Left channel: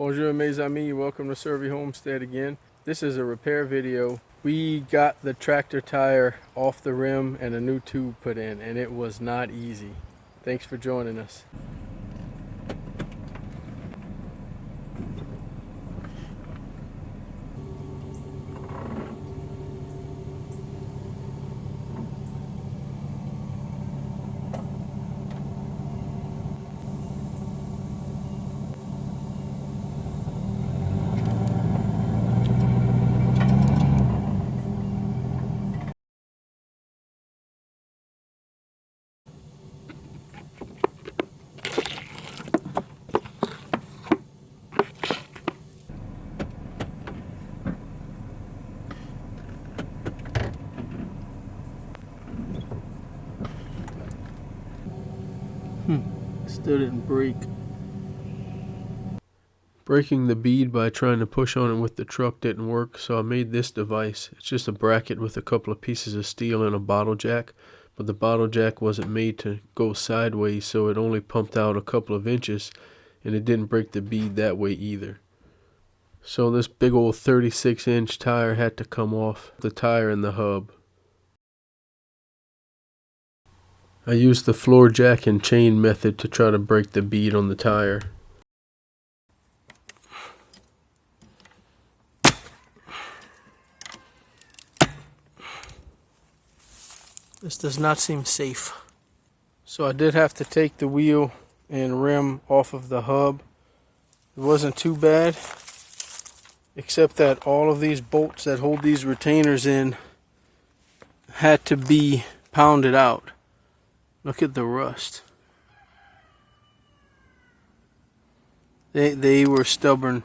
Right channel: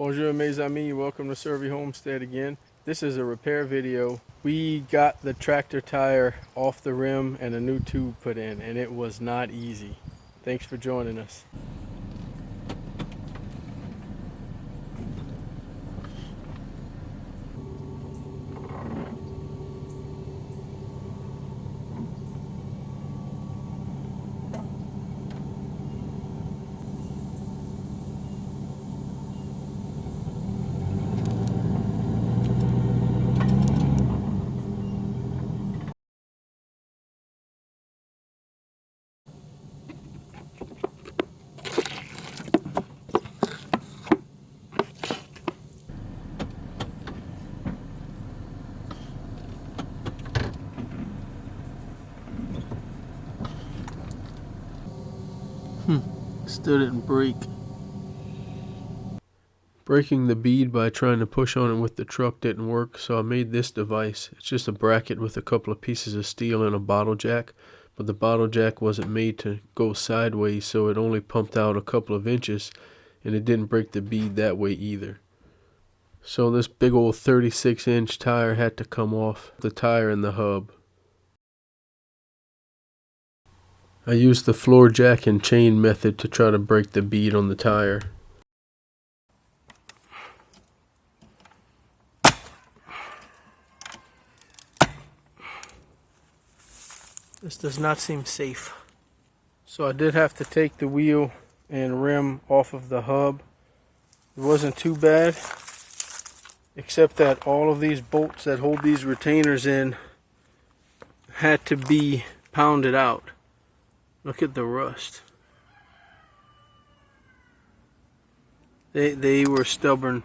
Bonjour mes amis, welcome to SERVi Homestead again. This is a repair video. We got the tractor tire off the rim and a new tube put in, and it was not easy. Thanks for joining us. Still didn't break. Breaking the bead by trying to push on it with the truck didn't work, so I made this device. It's just a bracket with a couple of pieces of steel and a bottle jack, but the bottle jack wasn't made to go sideways, so it only pumped out a couple of inches, and it didn't break the bead that way either. So this big old 36-inch tire had to come off the tire and the hub. I used the floor jack and chain method to try to break the bead on the tire. This does not seem safe. So I did have to take the wheel and rim off of the hub. It wasn't too bad, except that all of these bolts that hold these retainers in had to be pounded out. Look at the rust. They were stubborn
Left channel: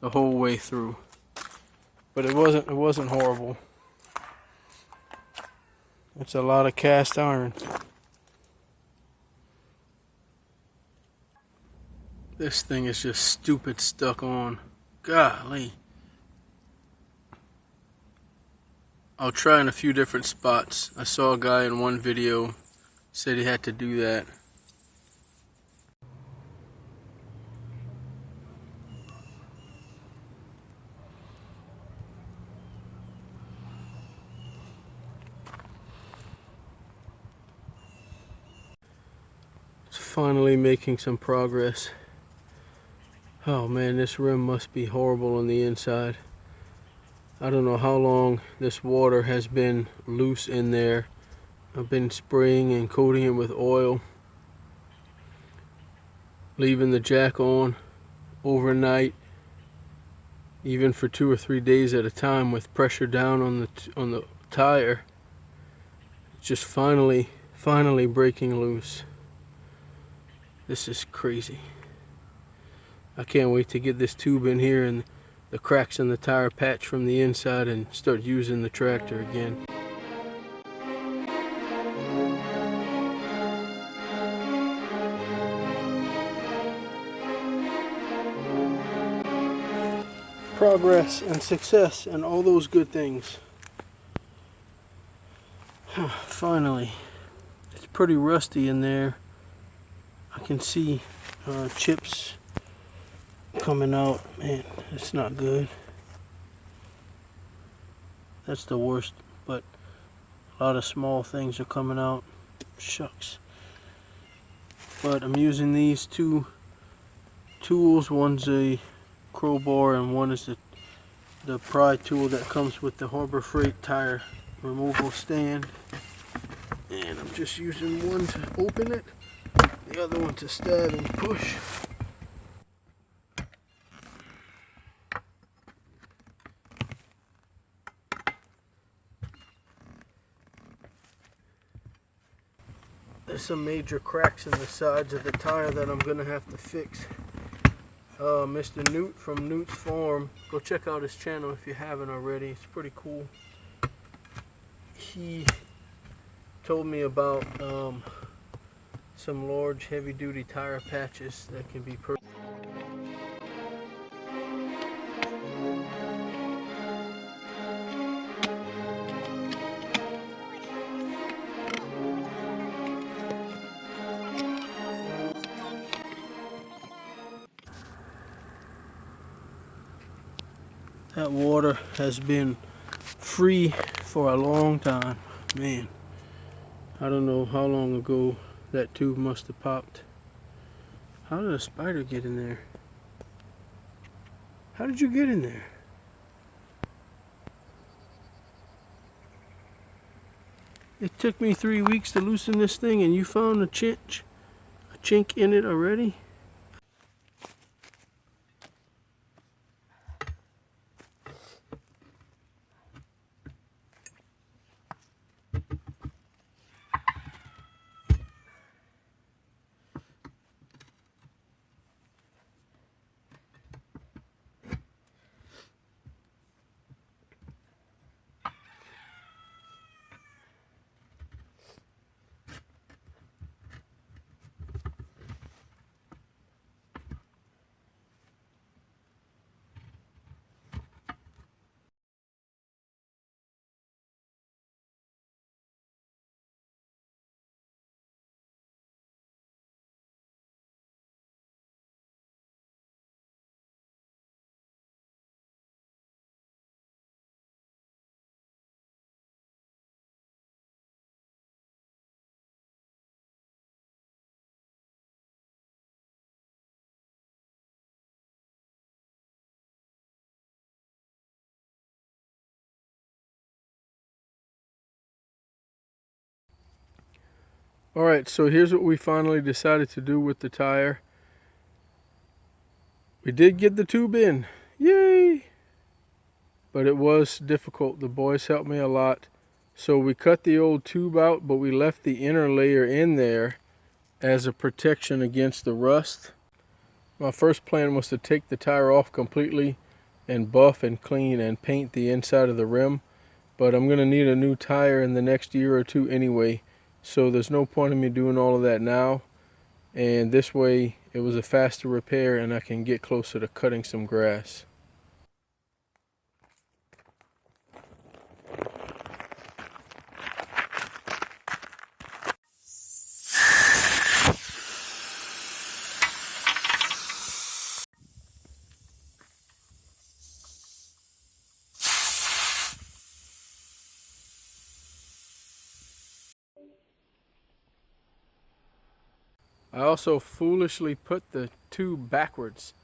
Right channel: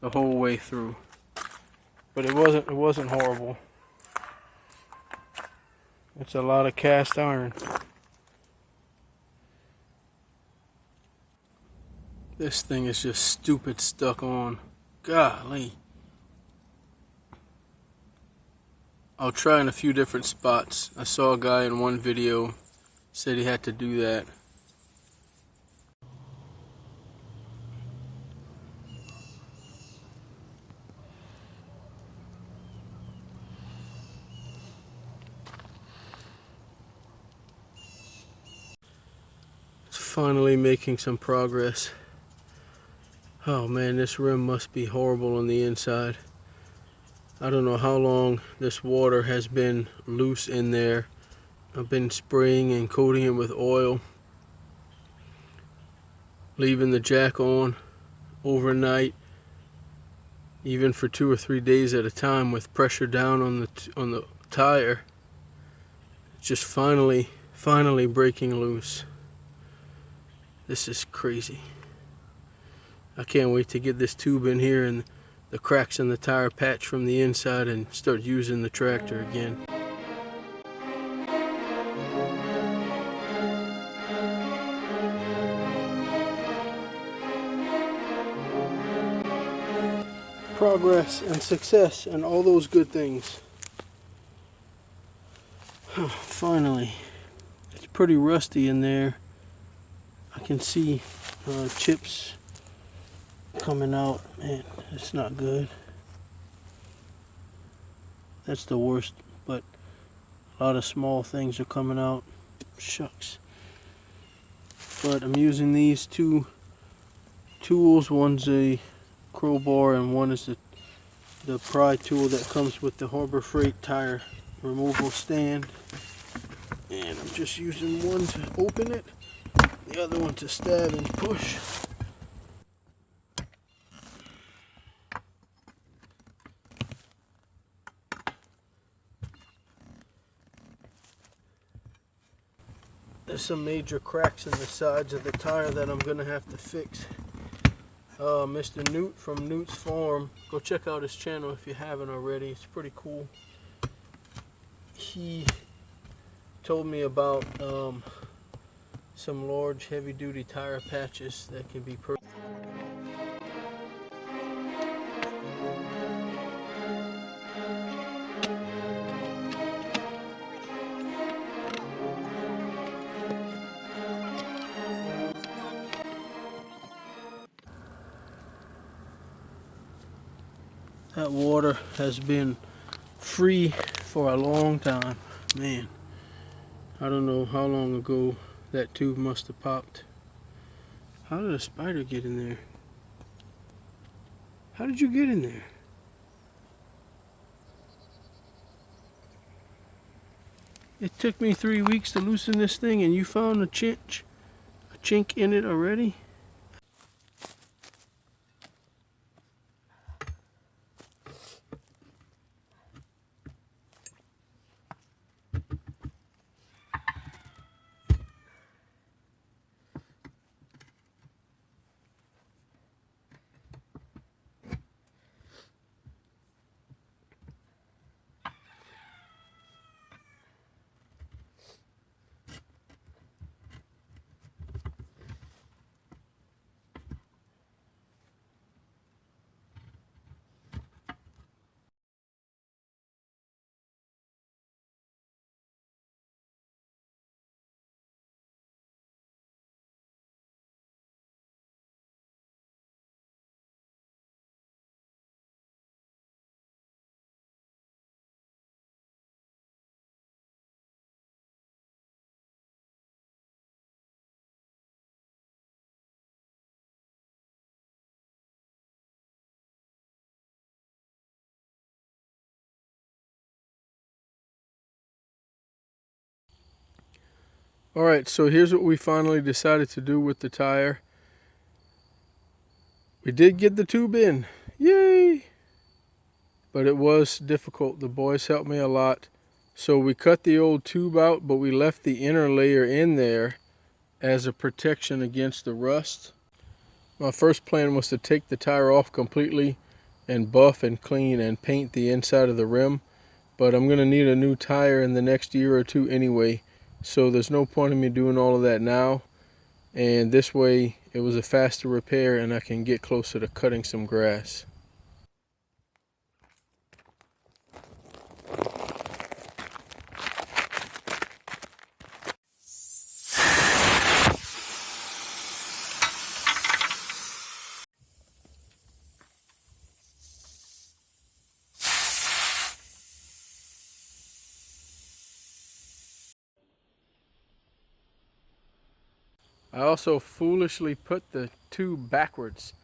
the whole way through. But it wasn't horrible. It's a lot of cast iron. This thing is just stupid stuck on. Golly. I'll try in a few different spots. I saw a guy in one video said he had to do that. It's finally making some progress. Oh man, this rim must be horrible on the inside. I don't know how long this water has been loose in there. I've been spraying and coating it with oil, leaving the jack on overnight, even for 2 or 3 days at a time with pressure down on the tire. It's just finally breaking loose. This is crazy. I can't wait to get this tube in here and the cracks in the tire patch from the inside and start using the tractor again. Progress and success and all those good things. Finally. It's pretty rusty in there. I can see chips coming out. Man, it's not good. That's the worst, but a lot of small things are coming out. Shucks. But I'm using these two tools. One's a crowbar and one is the pry tool that comes with the Harbor Freight tire removal stand. And I'm just using one to open it, the other one to stab and push. There's some major cracks in the sides of the tire that I'm gonna have to fix. Mr. Newt from Newt's Farm, go check out his channel if you haven't already. It's pretty cool. He told me about some large heavy-duty tire patches that can be purchased. That water has been free for a long time. Man, I don't know how long ago that tube must have popped. How did a spider get in there? How did you get in there? It took me 3 weeks to loosen this thing and you found a chink in it already? Alright, so here's what we finally decided to do with the tire. We did get the tube in. Yay! But it was difficult. The boys helped me a lot. So we cut the old tube out, but we left the inner layer in there as a protection against the rust. My first plan was to take the tire off completely and buff and clean and paint the inside of the rim. But I'm going to need a new tire in the next year or two anyway. So there's no point in me doing all of that now. And this way it was a faster repair and I can get closer to cutting some grass. I also foolishly put the tube backwards.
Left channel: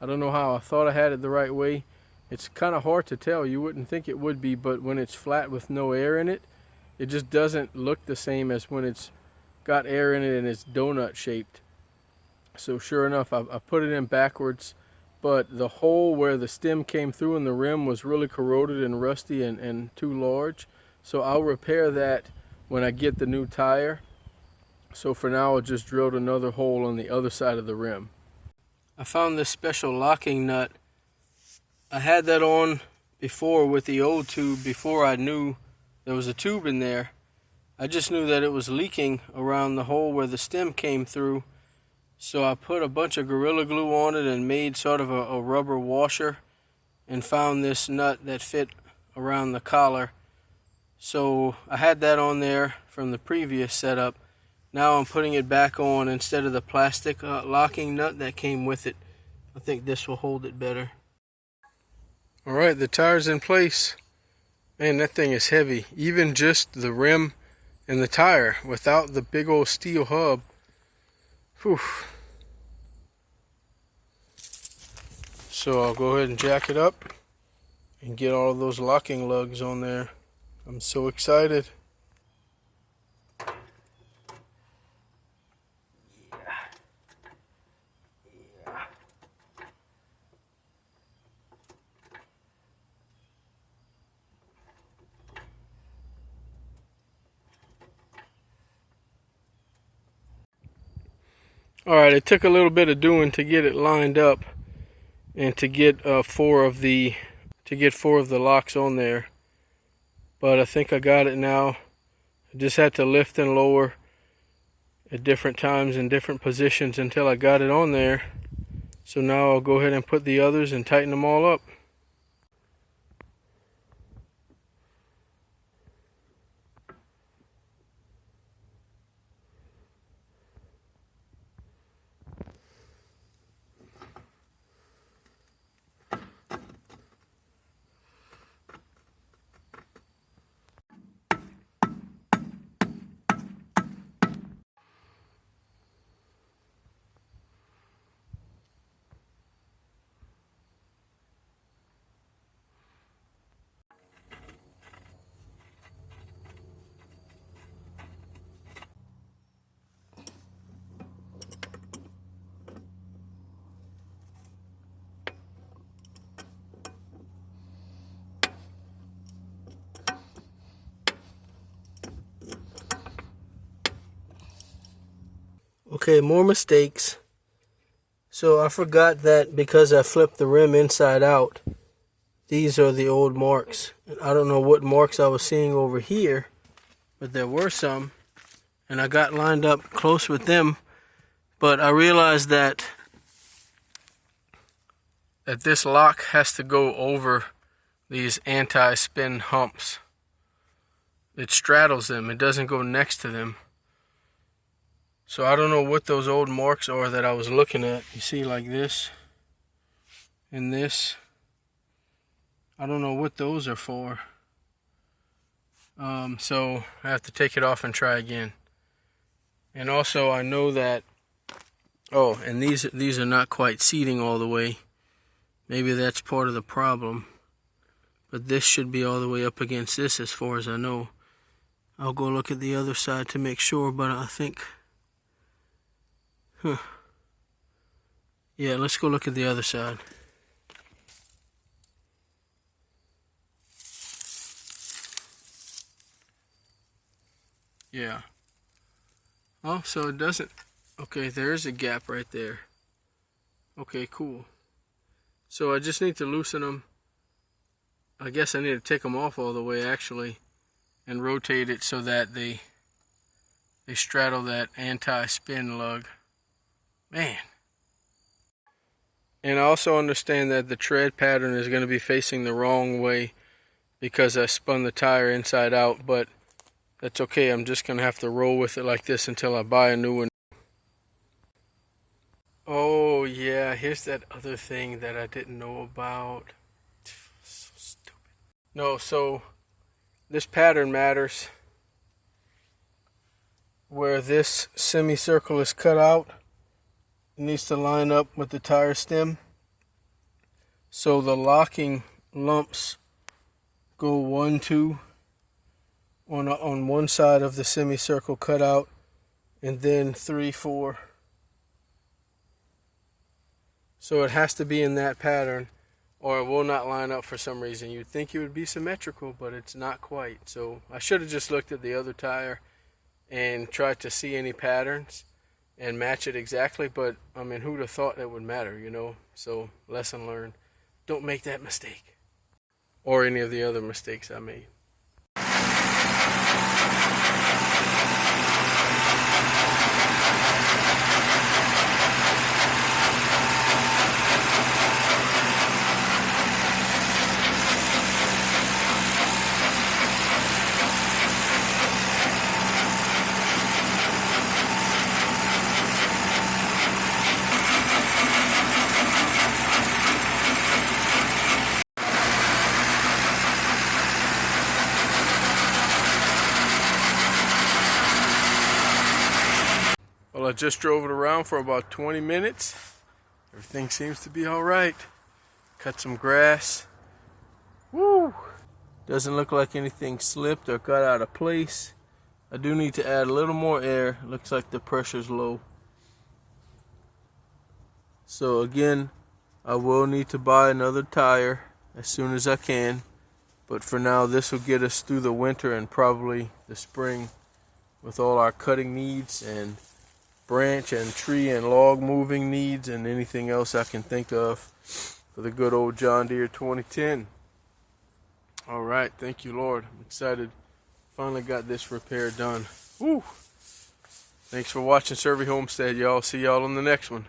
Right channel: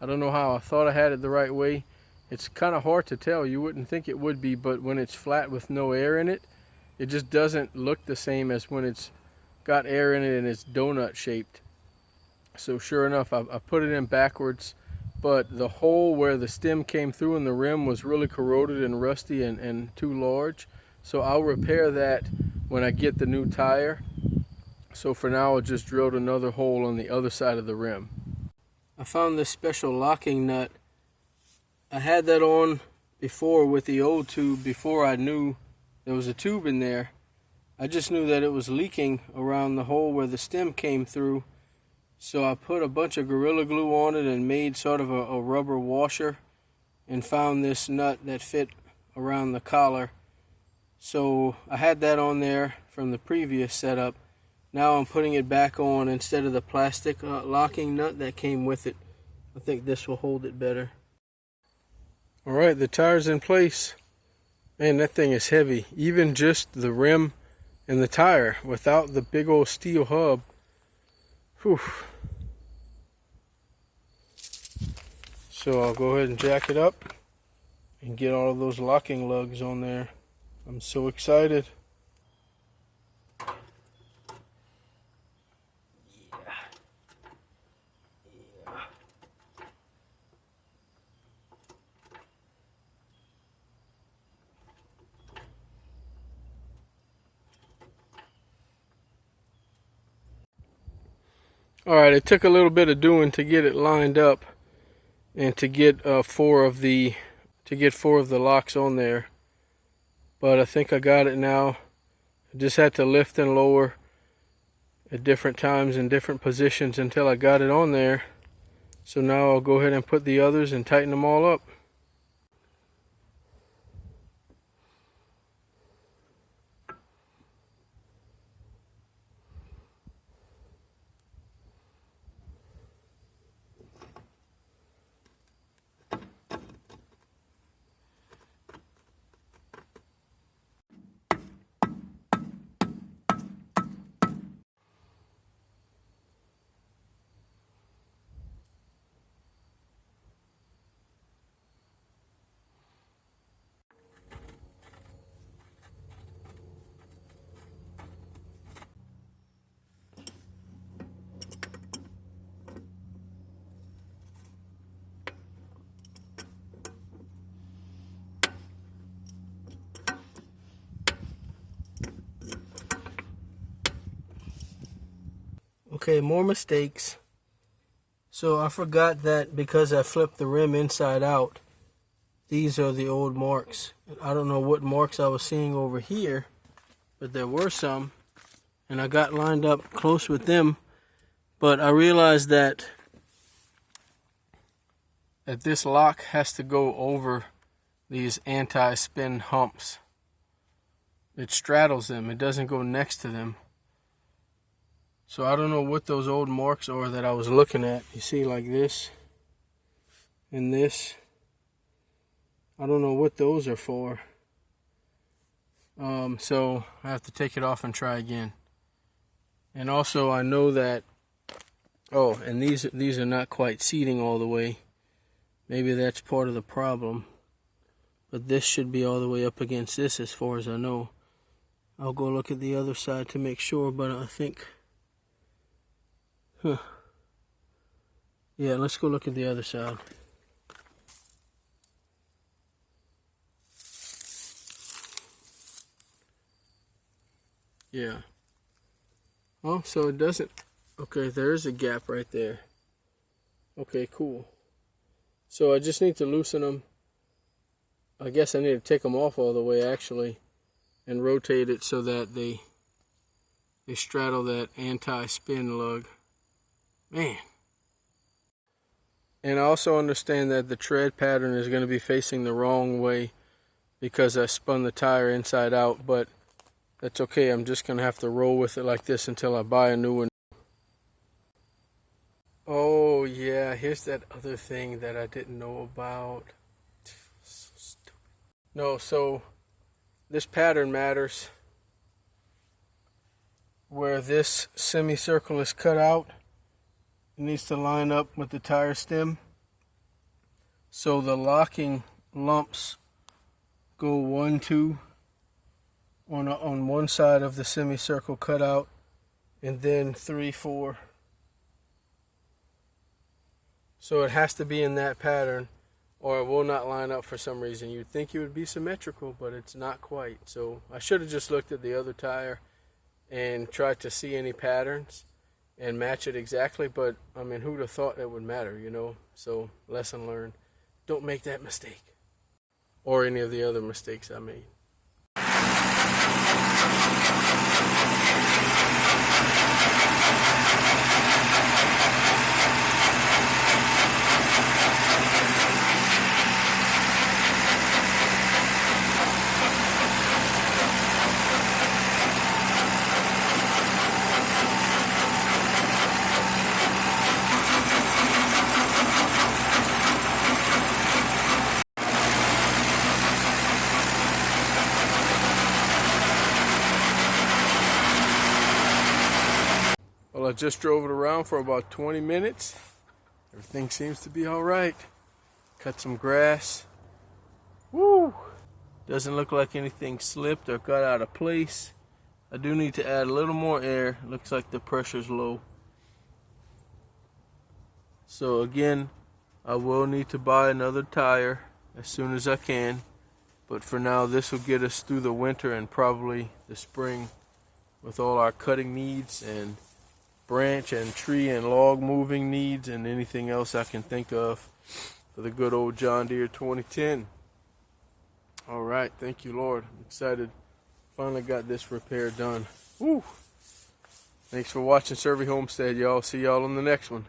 I don't know how. I thought I had it the right way. It's kind of hard to tell. You wouldn't think it would be, but when it's flat with no air in it, it just doesn't look the same as when it's got air in it and it's donut shaped. So sure enough, I put it in backwards, but the hole where the stem came through in the rim was really corroded and rusty and too large. So I'll repair that when I get the new tire. So for now, I just drilled another hole on the other side of the rim. I found this special locking nut. I had that on before with the old tube before I knew there was a tube in there. I just knew that it was leaking around the hole where the stem came through. So I put a bunch of Gorilla Glue on it and made sort of a rubber washer and found this nut that fit around the collar. So I had that on there from the previous setup. Now I'm putting it back on instead of the plastic locking nut that came with it. I think this will hold it better. Alright, the tire's in place. Man, that thing is heavy. Even just the rim and the tire without the big old steel hub. Whew. So I'll go ahead and jack it up and get all of those locking lugs on there. I'm so excited. Alright, it took a little bit of doing to get it lined up and to get four of the locks on there. But I think I got it now. I just had to lift and lower at different times in different positions until I got it on there. So now I'll go ahead and put the others and tighten them all up. Okay, more mistakes. So I forgot that because I flipped the rim inside out, these are the old marks. I don't know what marks I was seeing over here, but there were some. And I got lined up close with them, but I realized that this lock has to go over these anti-spin humps. It straddles them, it doesn't go next to them. So I don't know what those old marks are that I was looking at. You see, like this and this. I don't know what those are for. So I have to take it off and try again. And also I know that, oh, and these are not quite seating all the way. Maybe that's part of the problem. But this should be all the way up against this as far as I know. I'll go look at the other side to make sure, but I think... Yeah, let's go look at the other side. Yeah. Oh, so it doesn't... Okay, there is a gap right there. Okay, cool. So I just need to loosen them. I guess I need to take them off all the way, actually, and rotate it so that they straddle that anti-spin lug. Man. And I also understand that the tread pattern is going to be facing the wrong way because I spun the tire inside out, but that's okay. I'm just going to have to roll with it like this until I buy a new one. Oh yeah, here's that other thing that I didn't know about. So stupid. No, so this pattern matters. Where this semicircle is cut out, it needs to line up with the tire stem. So the locking lumps go 1, 2 on one side of the semicircle cut out, and then 3, 4. So it has to be in that pattern, or it will not line up for some reason. You'd think it would be symmetrical, but it's not quite. So I should have just looked at the other tire and tried to see any patterns and match it exactly, but I mean, who'd have thought that would matter, you know? So lesson learned. Don't make that mistake, or any of the other mistakes I made. Well, I just drove it around for about 20 minutes. Everything seems to be all right. Cut some grass. Woo! Doesn't look like anything slipped or got out of place. I do need to add a little more air. Looks like the pressure's low. So again, I will need to buy another tire as soon as I can. But for now, this will get us through the winter and probably the spring with all our cutting needs and branch and tree and log moving needs and anything else I can think of for the good old John Deere 2010. All right, thank you, Lord. I'm excited. Finally got this repair done. Woo! Thanks for watching SERVi Homestead, y'all. See y'all on the next one.